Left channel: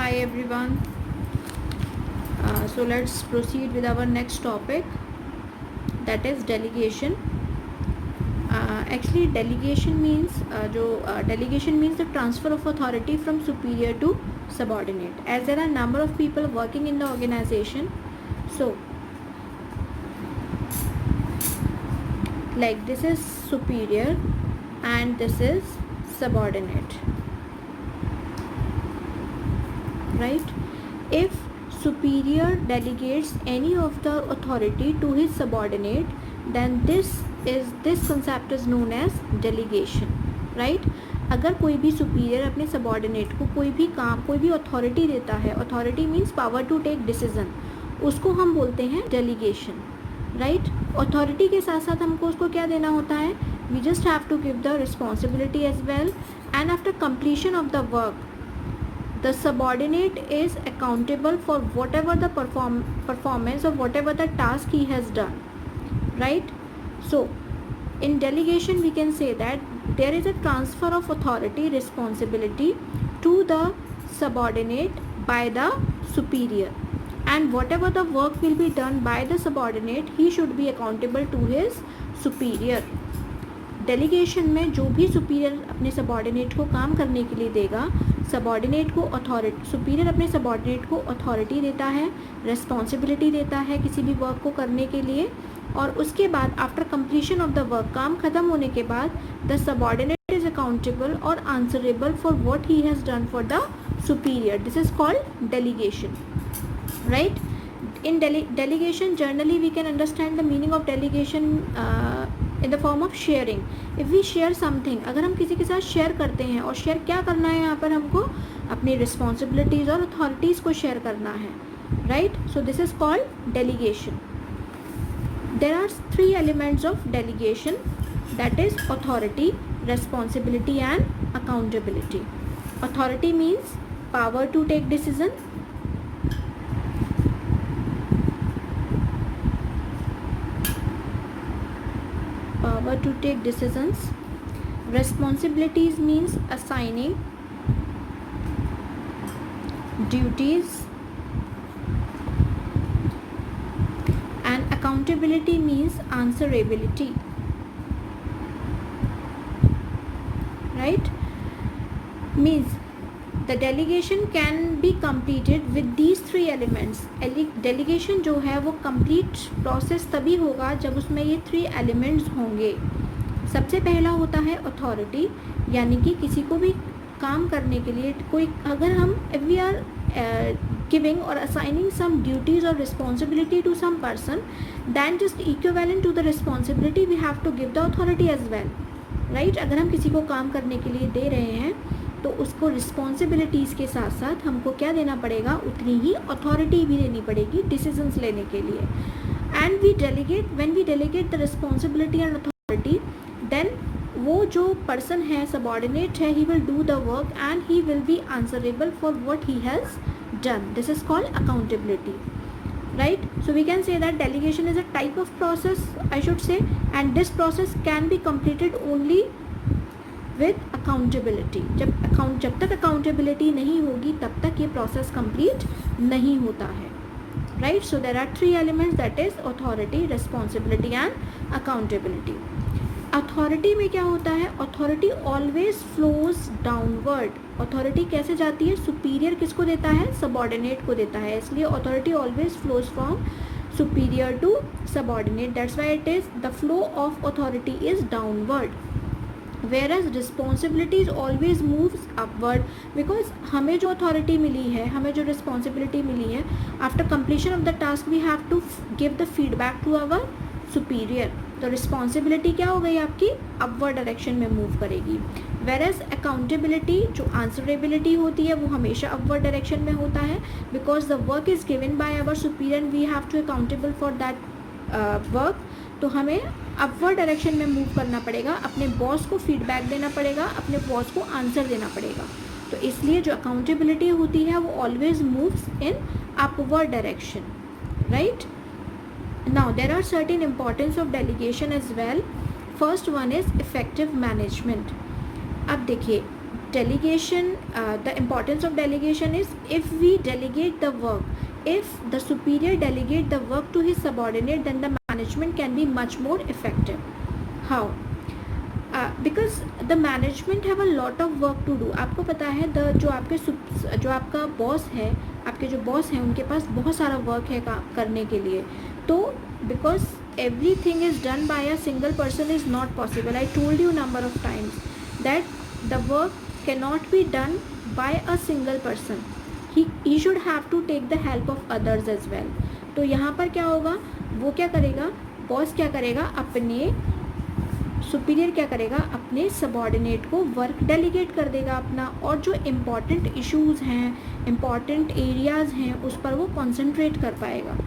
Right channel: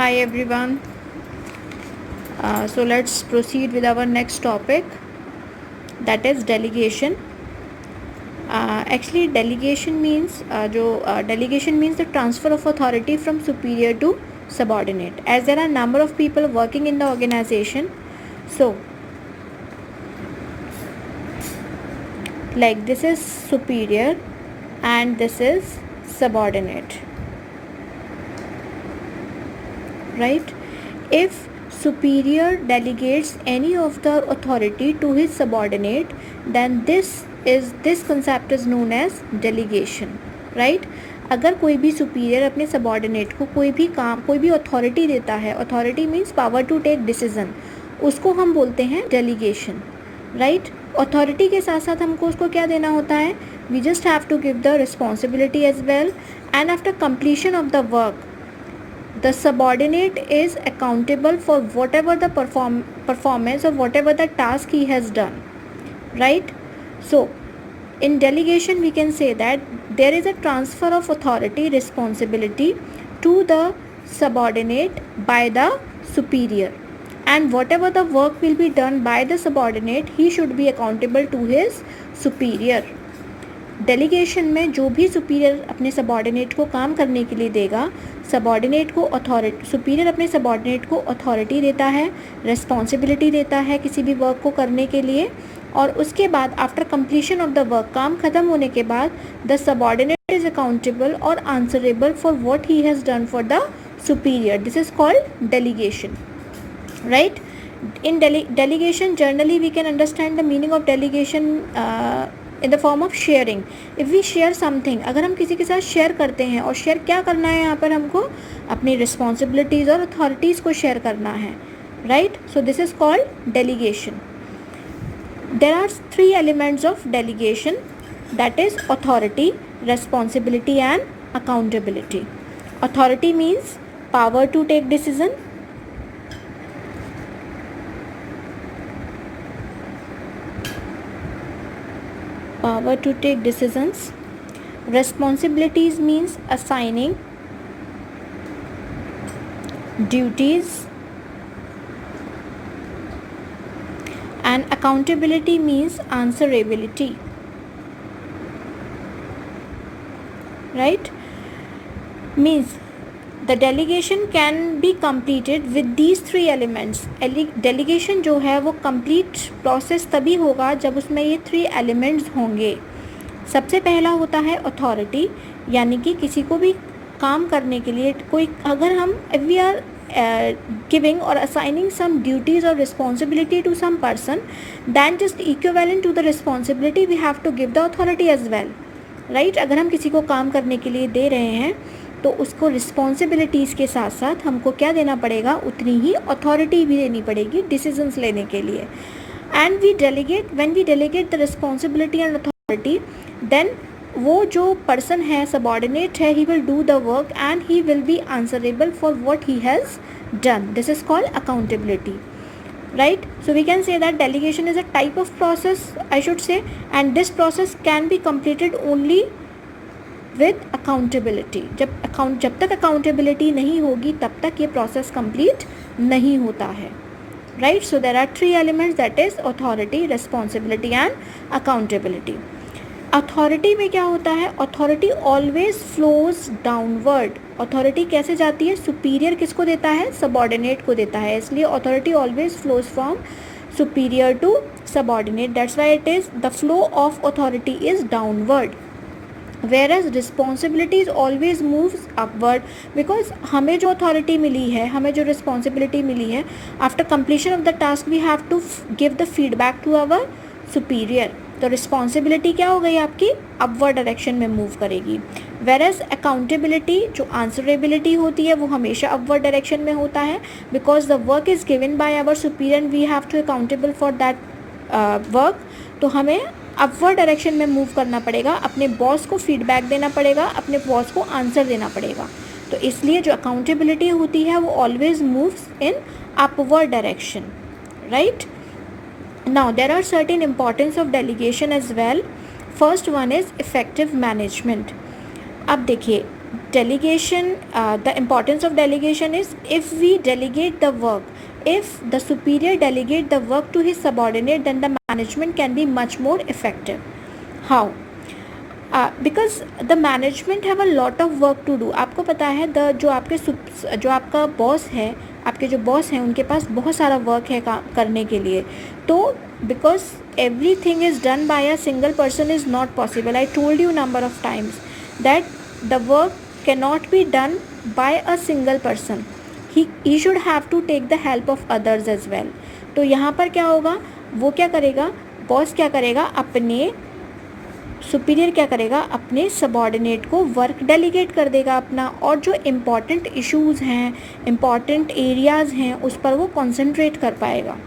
Hi everyone. So let's proceed with our next topic, that is delegation. Actually, delegation means delegation means the transfer of authority from superior to subordinate. As there are number of people working in the organization, so like this is superior and this is subordinate, right? If superior delegates any of the authority to his subordinate, then this concept is known as delegation, right? अगर कोई भी superior अपने subordinate को कोई भी authority देता है, authority means power to take decision, उसको हम बोलते हैं डेलीगेशन, राइट? अथॉरिटी के साथ साथ हमको उसको क्या देना होता है? We just have to give the responsibility as well, and after completion of the work the subordinate is accountable for whatever the performance or whatever the task he has done, right? So in delegation we can say that there is a transfer of authority, responsibility to the subordinate by the superior, and whatever the work will be done by the subordinate, he should be accountable to his superior. Delegation में जो भी superior अपने subordinate को काम करने के लिए देगा, सबॉर्डिनेट को सुपीरियर अपने सबॉर्डिनेट को अथॉरिटी देता है, रिस्पॉन्सिबिलिटी देता है किसी भी वर्क को करने के लिए, और उसके बाद after completion of the work, काम ख़त्म होने के बाद, द सबॉर्डिनेट इज अकाउंटेबल और answerable for what he has done for the superior. This is called delegation, right? In delegation, generally we can understand the meaning of delegation in the form of sharing. If we share something, अगर हम किसी के साथ share करते हैं, और share क्या करना है यहाँ पर हमको? अपनी रिस्पॉन्सिबिलिटीज़ और अथॉरिटीज़ को शेयर करना है, right? So this is called delegation. There are three elements of delegation, that is authority, responsibility and accountability. Authority means power to take decision. Power to take decisions. Responsibilities means assigning duties, and accountability means answerability, right? Means the delegation can be completed with these three elements. Delegation जो है वो complete process तभी होगा जब उसमें ये three elements होंगे. सबसे पहला होता है authority, यानी कि किसी को भी काम करने के लिए कोई, अगर हम if we are giving or assigning some duties or responsibility to some person, then just equivalent to the responsibility we have to give the authority as well, right? अगर हम किसी को काम करने के लिए दे रहे हैं तो उसको रिस्पॉन्सिबिलिटीज़ के साथ साथ हमको क्या देना पड़ेगा? उतनी ही अथॉरिटी भी देनी पड़ेगी डिसीजंस लेने के लिए. And we delegate, when we delegate the responsibility and authority, then वो जो पर्सन है, सबॉर्डिनेट है, he will do the work and he will be answerable for what he has done. This is called accountability, right? So we can say that delegation is a type of process, I should say, and this process can be completed only with accountability. जब तक accountability नहीं होगी तब तक ये process complete नहीं होता है, right? So there are three elements, that is authority, responsibility and accountability. Authority में क्या होता है? Authority always flows downward. Authority कैसे जाती है? Superior किसको देता है? Subordinate को देता है, इसलिए authority always flows from superior to subordinate. That's why it is the flow of authority is downward, whereas responsibilities always moves upward, because हमें जो authority मिली है, हमें जो responsibility मिली है, after completion of the task we have to give the feedback to our superior. तो responsibility क्या हो गई आपकी? अपवर्ड डायरेक्शन में मूव करेगी. वेरएज अकाउंटेबिलिटी, जो आंसरेबिलिटी होती है, वो हमेशा अपवर्ड डायरेक्शन में होता है, because the work is given by our superior and we have to accountable for that work. तो हमें अपवर्ड डायरेक्शन में मूव करना पड़ेगा, अपने बॉस को फीडबैक देना पड़ेगा, अपने बॉस को आंसर देना पड़ेगा. तो इसलिए जो अकाउंटेबिलिटी होती है वो always moves in upward direction, right? Now there are certain importance of delegation as well. First one is effective management. अब देखिए, delegation, the importance of delegation is, if we delegate the work, if the superior delegate the work to his subordinate, then the management can be much more effective. How? Because the management have a lot of work to do. आपको पता है जो आपका boss है, आपके जो boss हैं उनके पास बहुत सारा वर्क है करने के लिए. तो because everything is done by a single person is not possible. I told you number of times that the work cannot be done by a single person. He should have to take the help of others as well. तो यहाँ पर क्या होगा, वो क्या करेगा, boss क्या करेगा, अपने सुपीरियर क्या करेगा, अपने सबॉर्डिनेट को वर्क डेलीगेट कर देगा अपना, और जो इम्पॉर्टेंट इश्यूज़ हैं, इम्पॉर्टेंट एरियाज़ हैं, उस पर वो कॉन्सेंट्रेट कर पाएगा.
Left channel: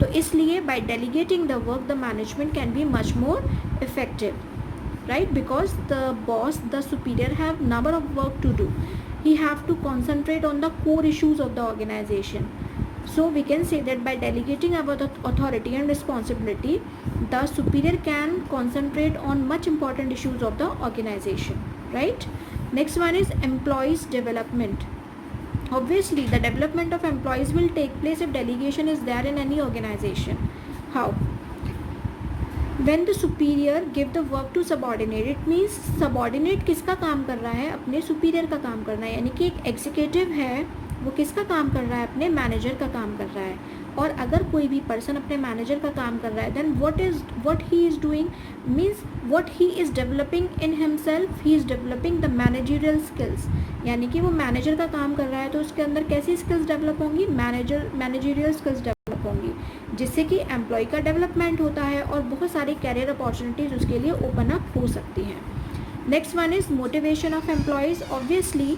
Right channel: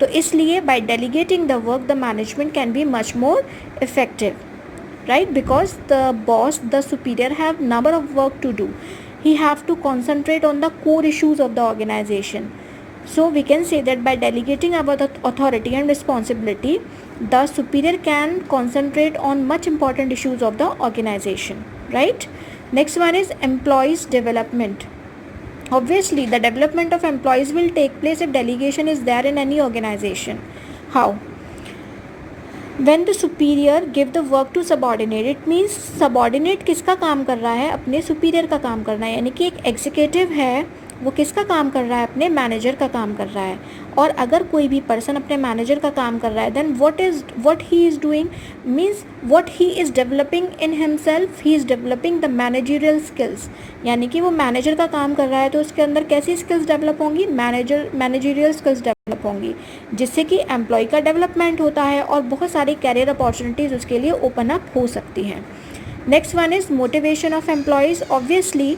तो इसलिए by delegating the work the management can be much more effective, right? Because the boss, the superior have number of work to do. He have to concentrate on the core issues of the organization. So we can say that by delegating our authority and responsibility, the superior can concentrate on much important issues of the organization, right? Next one is employees development. Obviously the development of employees will take place if delegation is there in any organization. How? When the superior give the work to subordinate, it means subordinate किसका काम कर रहा है, अपने superior का काम करना है. यानी कि एक executive है, वो किसका काम कर रहा है, अपने मैनेजर का काम कर रहा है. और अगर कोई भी पर्सन अपने मैनेजर का काम कर रहा है, then what he is doing means what he is developing in himself, he is developing the managerial skills. यानी कि वो मैनेजर का काम कर रहा है तो उसके अंदर कैसी स्किल्स डेवलप होंगी, मैनेजरियल स्किल्स डेवलप होंगी, जिससे कि एम्प्लॉय का डेवलपमेंट होता है और बहुत सारी कैरियर अपॉर्चुनिटीज़ उसके लिए ओपन अप हो सकती हैं. Next one is motivation of employees. Obviously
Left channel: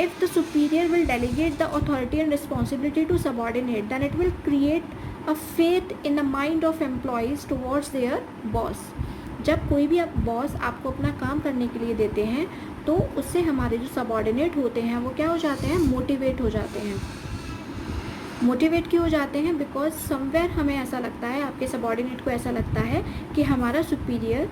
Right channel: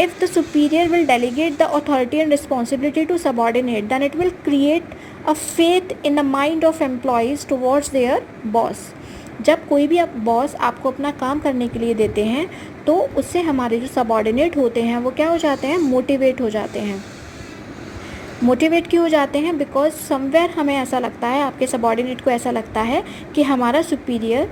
if the superior will delegate the authority and responsibility to subordinate, then it will create a faith in the mind of employees towards their boss. जब कोई भी boss आपको अपना काम करने के लिए देते हैं तो उससे हमारे जो सबॉर्डिनेट होते हैं वो क्या हो जाते हैं, मोटिवेट हो जाते हैं. मोटिवेट क्यों हो जाते हैं, बिकॉज समवेयर हमें ऐसा लगता है, आपके सबॉर्डिनेट को ऐसा लगता है कि हमारा सुपीरियर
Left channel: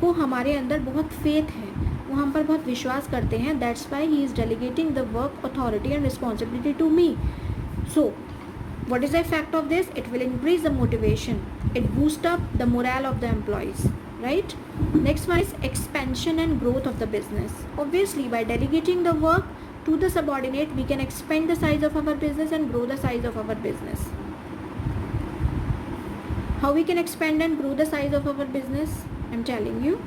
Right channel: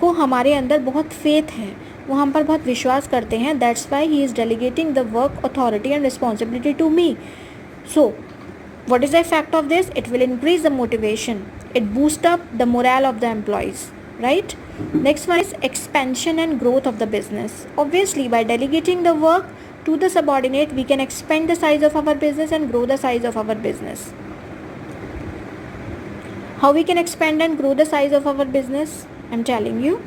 को हमारे अंदर बहुत फेथ है, वो हम पर बहुत विश्वास करते हैं. That's why he is delegating the work authority and responsibility to me. So what is the effect of this? It will increase the motivation, it boosts up the morale of the employees, right? Next one is expansion and growth of the business. Obviously by delegating the work to the subordinate, we can expand the size of our business and grow the size of our business. How we can expand and grow the size of our business? I'm telling you.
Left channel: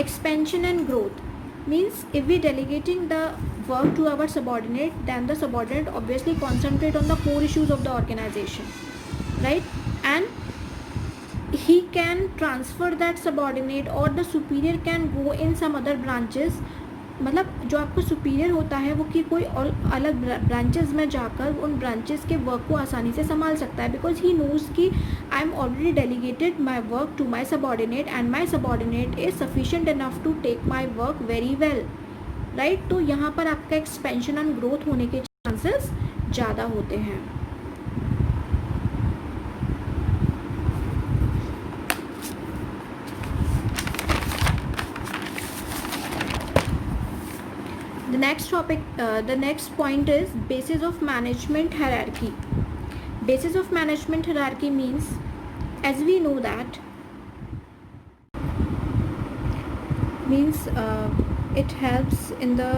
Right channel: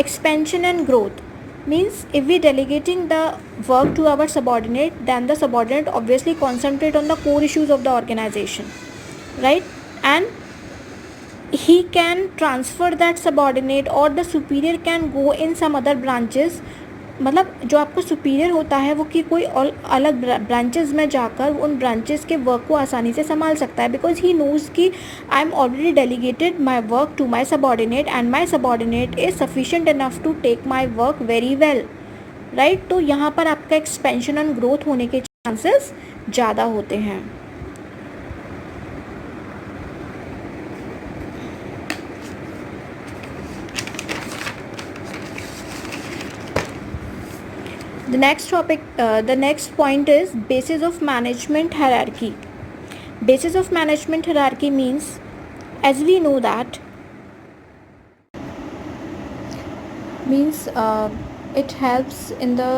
Expansion and growth means if we delegating the work to our subordinate, then the subordinate obviously concentrate on the core issues of the organization, right? And he can transfer that subordinate, or the superior can go in some other branches. मतलब जो आपको superior होता है वो कि कोई और अलग ब्रांचेस में जाकर उन ब्रांचेस के वर्क को आसानी से संभाल सकता है, बिकॉज ही नोज़ कि I am already delegated my work to my subordinate and my subordinate is sufficient enough to take my work very well, right? तो यहाँ पर आपका एक्सपेंशन एंड ग्रोथ होने के चांसेस ज़्यादा होते हैं. The next point is basis of management hierarchy. Basis of management hierarchy means, as we know that, it helps in the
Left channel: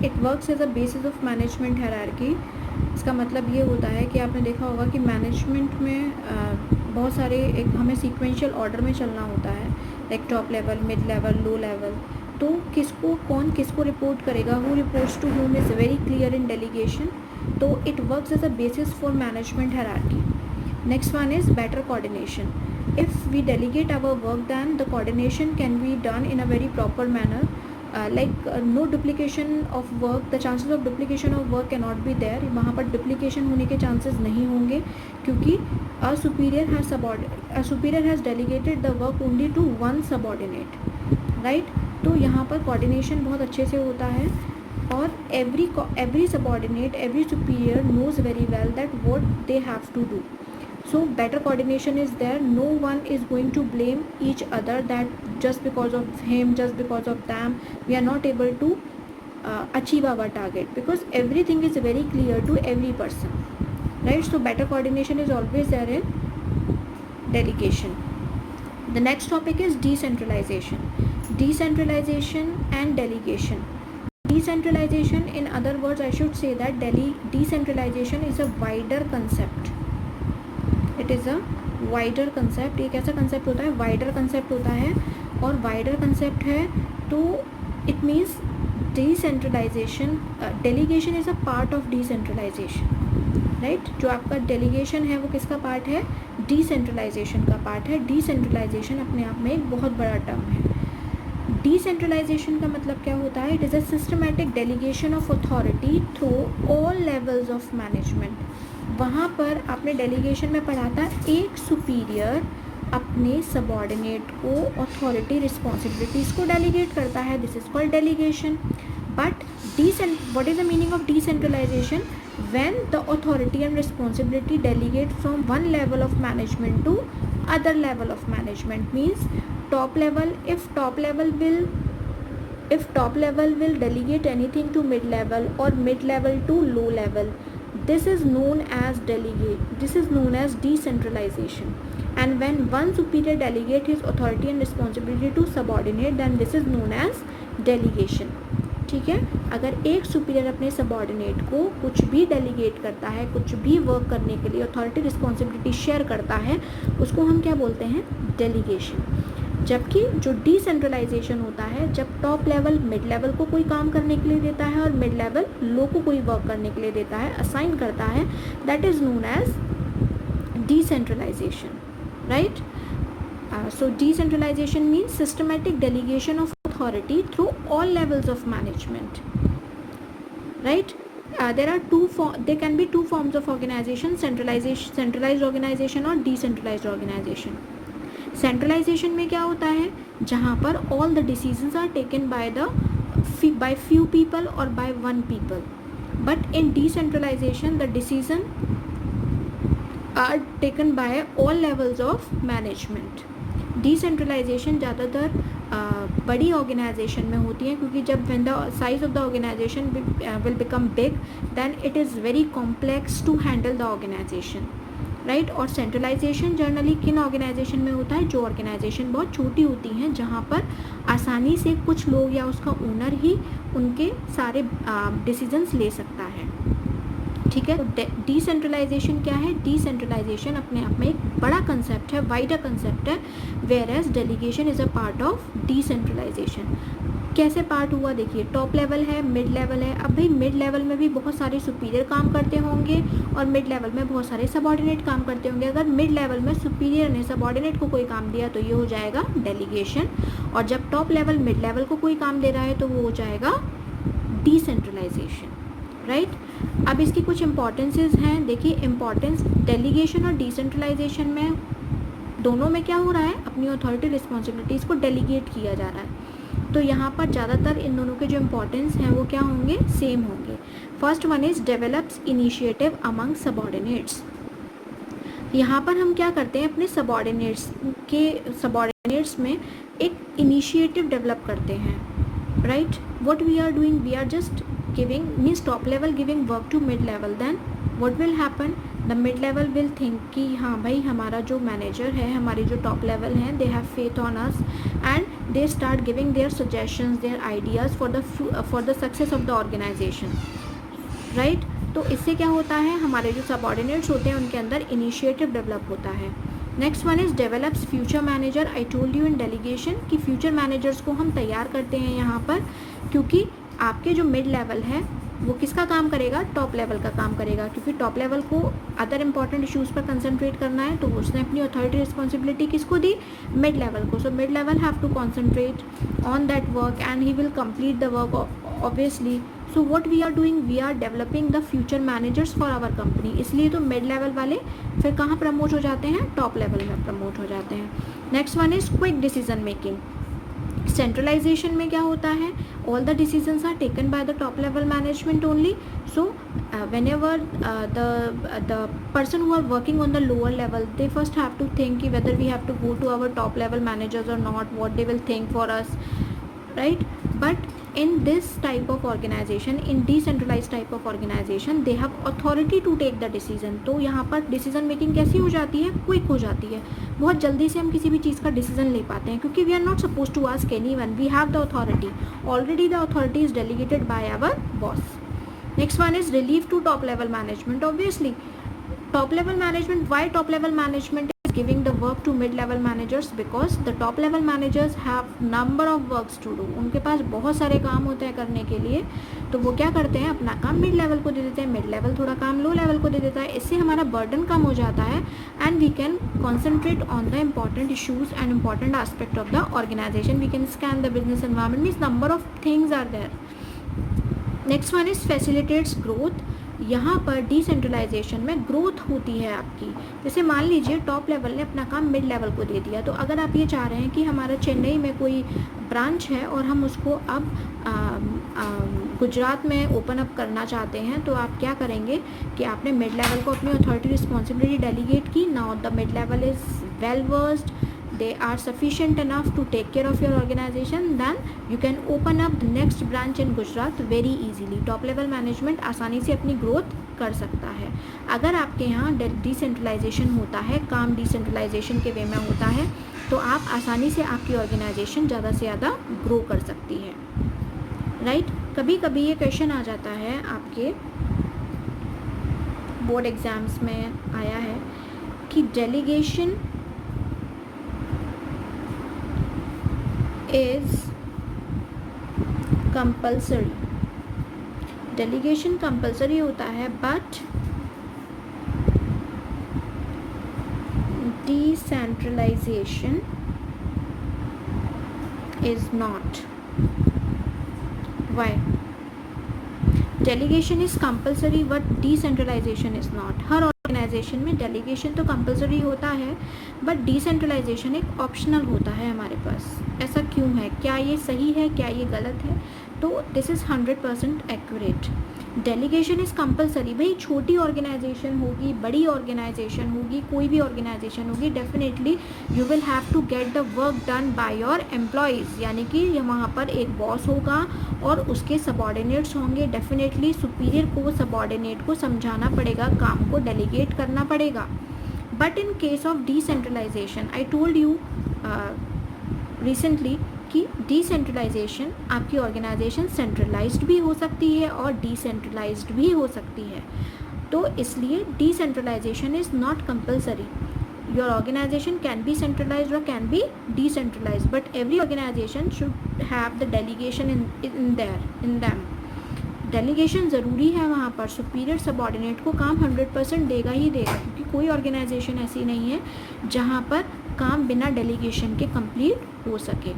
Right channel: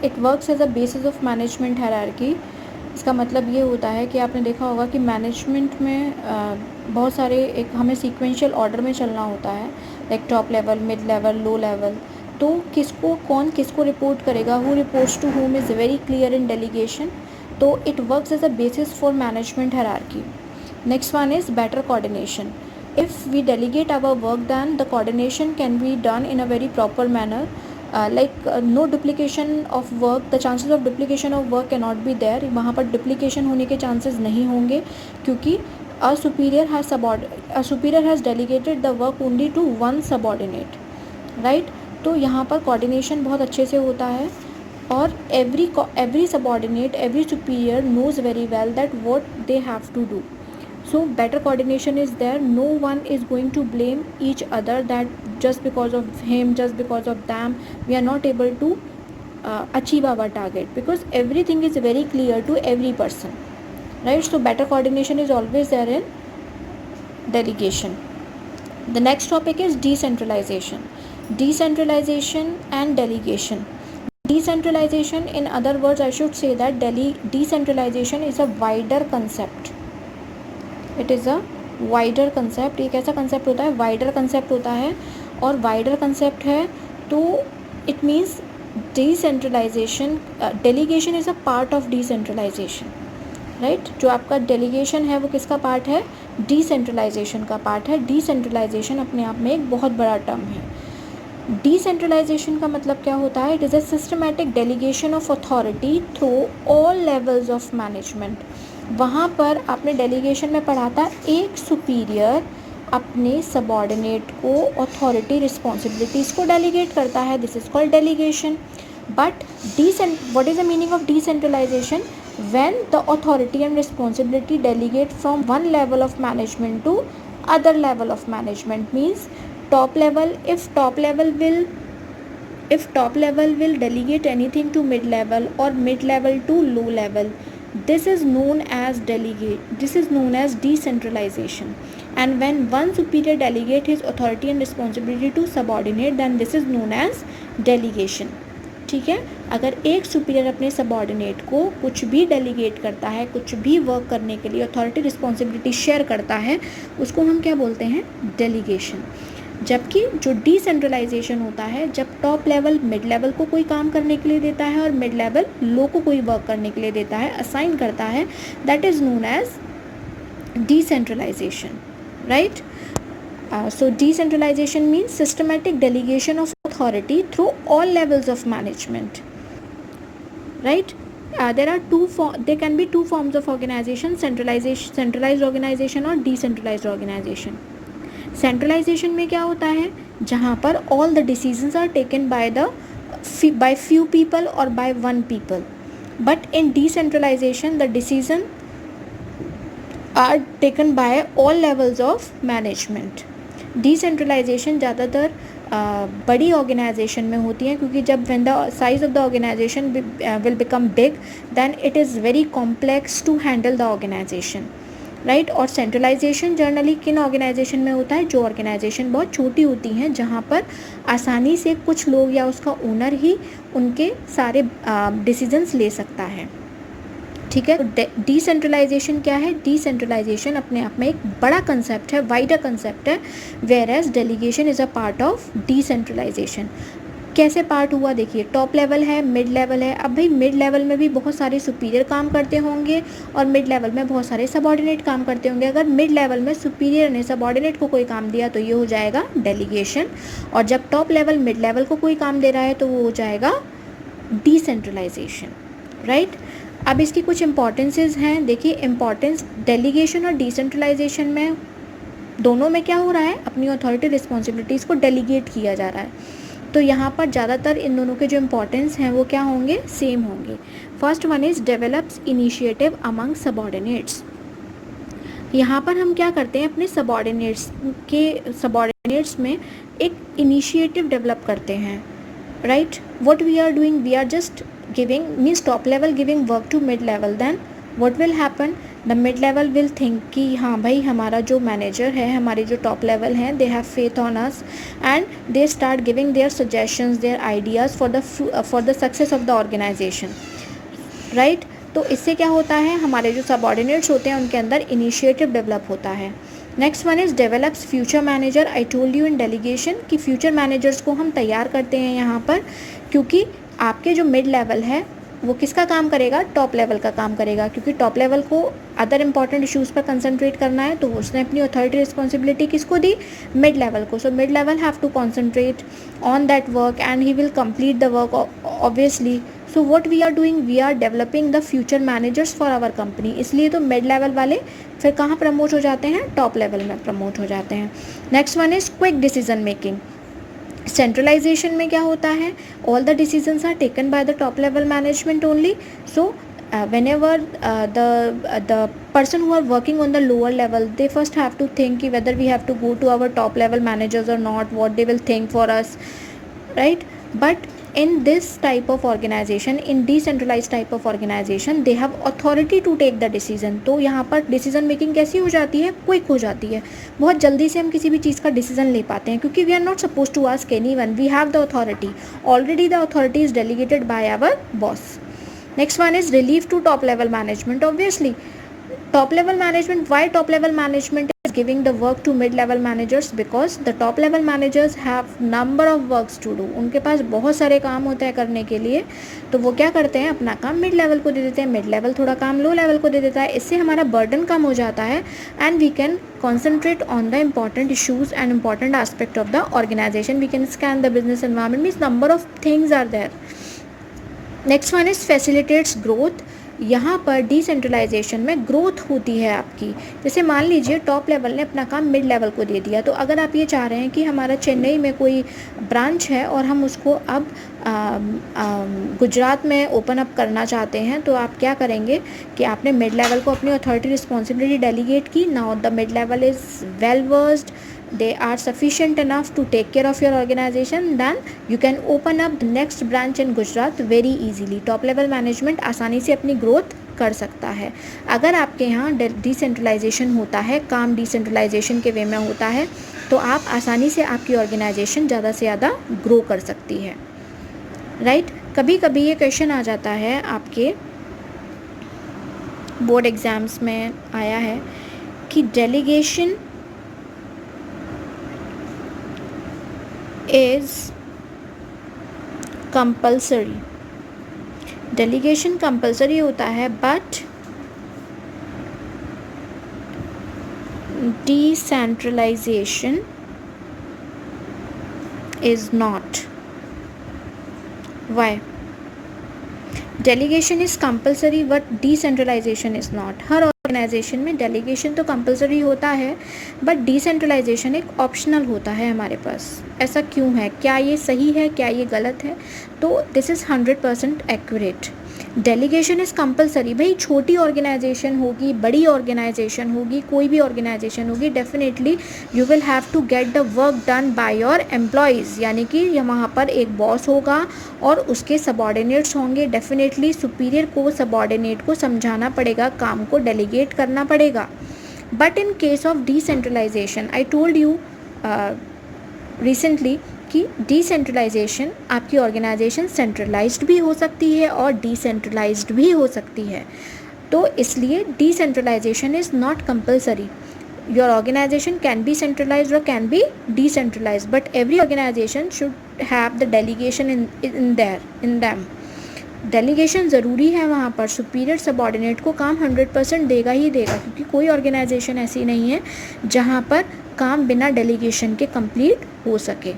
it works as a basis of management hierarchy. इसका मतलब ये होता है कि आपने देखा होगा कि मैनेजमेंट में बहुत सारे एक हमें सीक्वेंशियल ऑर्डर में चलना होता है, like top level, mid level, low level. तो कौन किसको रिपोर्ट करेगा, who reports to whom is very clear in delegation. तो it works as a basis for management hierarchy. Next one is better coordination. If we delegate our work, then the coordination can be done in a very proper manner. Like no duplication of work, the chances of duplication of work can not be there. वहाँ पर duplication होने के chances नहीं होंगे, क्योंकि a superior has delegated the work only to one subordinate, right? तो यहाँ पर कोऑर्डिनेशन बहुत अच्छे से होता है, और every subordinate, every superior knows very well that what they have to do. So better coordination is there. No one is going to blame each other that just because of him, just because of them, we are not able to achieve our target, because everything is very clear to every person, right? So better coordination is always there in delegation. The next topic is decentralization. Decentralization and delegation. Decentralization, in other words, I should say that decentralization is a wider concept. It is a wider concept. एक ऐसा concept होता है, wider concept होता है, और wider concept है तो it means decentralization, delegation is a part of decentralization, right? जो आपका delegation है वो किसका part है? Decentralization का part है. Decentralization अपने आप में एक बहुत बड़ा term है. डिसेंट्रलाइजेशन का मतलब क्या होता है? It is a systematic delegation of authority through all levels of management. वहाँ पर आपने डेलीगेशन में पढ़ा था, एक सुपीरियर अपने सबॉर्डिनेट को अथॉरिटी रिस्पॉन्सिबिलिटीज़ को डेलीगेट करता है. This is called delegation. But what is the meaning of decentralisation? When the authority and responsibility delegate from one level of management to other level of management. Means top level, if top level will delegate anything to mid level or mid level to low level, this is known as decentralization. And when one superior delegate his authority and responsibility to subordinate, then this is known as delegation. ठीक है. अगर एक superior अपने subordinate को कुछ भी delegate करता है, कुछ भी वर्क करने के लिए अथॉरिटी रिस्पॉन्सिबिलिटी शेयर करता है, उसको हम क्या बोलते हैं? डेलीगेशन. जबकि जो डिसेंट्रलाइजेशन होता है, जब टॉप लेवल मिड लेवल को कोई काम करने के लिए देता है और मिड लेवल लो को कोई वर्क करने के लिए देता है, असाइन करता है, that is known as decentralisation, right? So decentralization means systematic delegation of authority through all levels of management, right? There can be two forms of organization: centralized organization और decentralized organization. Centralization में क्या होता है? जहाँ पर all the decisions are taken by few people or by one people. But in decentralization, the decision are taken by all levels of management. Decentralisation ज़्यादातर बड़ी organisation में होती है, क्योंकि जब when the size of the organisation will become big, then it is very complex to handle the organisation, right? और centralisation generally किन organisation में होता है? जो ऑर्गेनाइजेशन बहुत छोटी होती हैं, जहाँ पर आसानी से कुछ लोग या उसका ओनर ही उनके सारे डिसीजंस ले सकता है, ठीक है. डिसेंट्रलाइजेशन क्या है? डिसेंट्रलाइजेशन अपने आप में एक बड़ा कंसेप्ट है, वाइडर कंसेप्ट है, whereas delegation is a part of decentralisation. कैसे पार्ट हुआ? देखिए, टॉप लेवल है, मिड लेवल है. अब भाई मिड लेवल में भी बहुत सारे सुपीरियर काम करते होंगे और मिड लेवल में बहुत सारे सबॉर्डिनेट काम करते होंगे. अगर मिड लेवल में सुपीरियर ने सबॉर्डिनेट को कोई काम दिया तो ये हो जाएगा डेलीगेशन, और जब टॉप लेवल मिड लेवल को कोई काम दे रहा है तो वो हो जाएगा डिसेंट्रलाइजेशन, राइट? अब इसकी कुछ इम्पॉर्टेंसेस हैं. देखिए, इम्पॉर्टेंस डेलीगेशन और डिसेंट्रलाइजेशन में दोनों में क्या हो रहा है? अपनी अथॉरिटी रिस्पॉन्सिबिलिटीज़ को डेलीगेट किया जा रहा है. तो यहाँ पर ज़्यादातर इन दोनों के जो इम्पॉर्टेंस हैं वो क्या होंगे? सेम होंगे. First one is develops initiative among subordinates. यहाँ पर हम क्या करते हैं? अपने सबॉर्डिनेट्स में एक इनिशिएटिव डेवलप करते हैं, right? What we are doing, we are just giving, means top level giving work to mid level, then what will happen? The mid level will think कि हाँ भाई, हमारा जो मैनेजर है, हमारे जो टॉप लेवल हैं, they have faith on us and they start giving their suggestions, their ideas for the success of the organization, right? तो इससे क्या होता है? हमारे जो सबॉर्डिनेट्स होते हैं उनके अंदर इनिशिएटिव डेवलप होता है. Next one is develops future manager. I told you in delegation कि फ्यूचर मैनेजर्स को हम तैयार करते हैं यहाँ पर, क्योंकि आपके जो मिड लेवल है वो किसका काम करेगा? टॉप लेवल का काम करेगा, क्योंकि टॉप लेवल को अदर इंपॉर्टेंट इश्यूज़ पर कंसंट्रेट करना है, तो उसने अपनी अथॉरिटी रिस्पॉन्सिबिलिटी किसको दी? मिड लेवल को. So mid level have to concentrate on that work and he will complete the work obviously. So what we are doing, we are developing the future managers for our company. इसलिए तो mid level वाले फिर कहाँ promote हो जाते हैं? Top level में promote हो जाते हैं. Next one is quick decision making. Centralisation में क्या होता है, all the decisions are taken by the top level management only. So whenever the person who are working on the lower level, they first have to think whether we have to go to our top level managers or not, what they will think for us, right? But in this type of organization, in decentralized type of organization, they have authority to take the decision. तो यहाँ पर decision making कैसी हो जाती है, quick हो जाती है. बहुत जल्दी से हम किसी भी चीज़ का डिसीजन ले पाते हैं, क्योंकि we are not supposed to ask anyone, we have the authority. Already the authority is delegated by our boss. Next one is relief to top level management. Obviously, top level management, why top level management is giving the work to mid level managers? Because the top level managers have number of works to do. उनके पास बहुत सारे काम होते हैं करने के लिए, तो वो क्या करते हैं, अपना काम मिड लेवल को दे देते हैं, मिड लेवल थोड़ा काम लो लेवल को दे देता है. इससे हमारा बर्डन कम हो जाता है and we can concentrate on the important issues and important aspect of the organisation. We can scan the business environment, means number of things are there. Next one is facilitates growth. यहाँ पर decentralisation में growth होती है आपकी. जैसे मान लीजिए top level ने अपना काम मिड लेवल को दे दिया, तो अगर आप ये चाह रहे हैं कि हमारा चेन्नई में कोई ब्रांच है और हम उसको अब गुजरात में ओपन अप करना चाहते हैं, तो आप क्या करेंगे कि आपने मिड लेवल को अपनी अथॉरिटी रिस्पॉन्सिबिलिटी डेलीगेट की. Now the mid level is well versed, they are sufficient enough to take care of your organization, then you can open up the next branch in Gujarat very easily. Top level management आसानी से अपनी growth कर सकता है. अगर आपके यहाँ decentralisation होता है, काम डिसेंट्रलाइजेशन के वे में होता है, तो आप आसानी से आपकी ऑर्गेनाइजेशन ज़्यादा से ज़्यादा ग्रो कर सकती है, राइट? कभी कभी ये क्वेश्चन आ जाता है, आपके बोर्ड एग्ज़ाम्स में आया है कि delegation is compulsory. Delegation compulsory होता है, but decentralisation is not. Why? Delegation is compulsory but decentralisation is not. हर ऑर्गेनाइजेशन में डेलीगेशन तो कंपल्सरी होता है, बट डिसेंट्रलाइजेशन एक ऑप्शनल होता है हमारे पास. ऐसा क्यों है, क्या ये सही है, क्या ये गलत है? तो this is 100% accurate. Delegation is compulsory. भाई छोटी ऑर्गेनाइजेशन होगी, बड़ी ऑर्गेनाइजेशन होगी, कोई भी ऑर्गेनाइजेशन होगी, definitely you will have to get the work done by your employees. यानी कि वहाँ पर एक बॉस होगा और उसके सबॉर्डिनेट्स होंगे. डेफिनेटली सुपीरियर को सबॉर्डिनेट को समझाना पड़ेगा, काम को डेलीगेट करना पड़ेगा. But in case of decentralisation, I told you recently कि डिसेंट्रलाइजेशन आपकी ऑर्गेनाइजेशन सेंट्रलाइज्ड भी हो सकती है और डिसेंट्रलाइज्ड भी हो सकती है. तो इसलिए decentralisation is not compulsory. Your organisation can be centralised और can be decentralised, but every organisation should have the delegation in them. Delegation ज़रूरी है वहाँ पर. सुपीरियर सबॉर्डिनेट को काम 100% देगा ही देगा, क्योंकि कोई ऑर्गेनाइजेशन ऐसी नहीं है जहाँ पर काम बिना डेलीगेशन के कंप्लीट हो सके,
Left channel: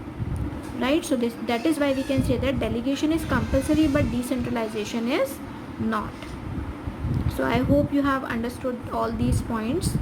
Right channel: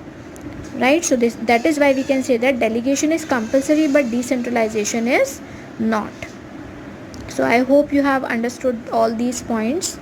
right? So that is why we can say that delegation is compulsory but decentralisation is not. So I hope you have understood all these points.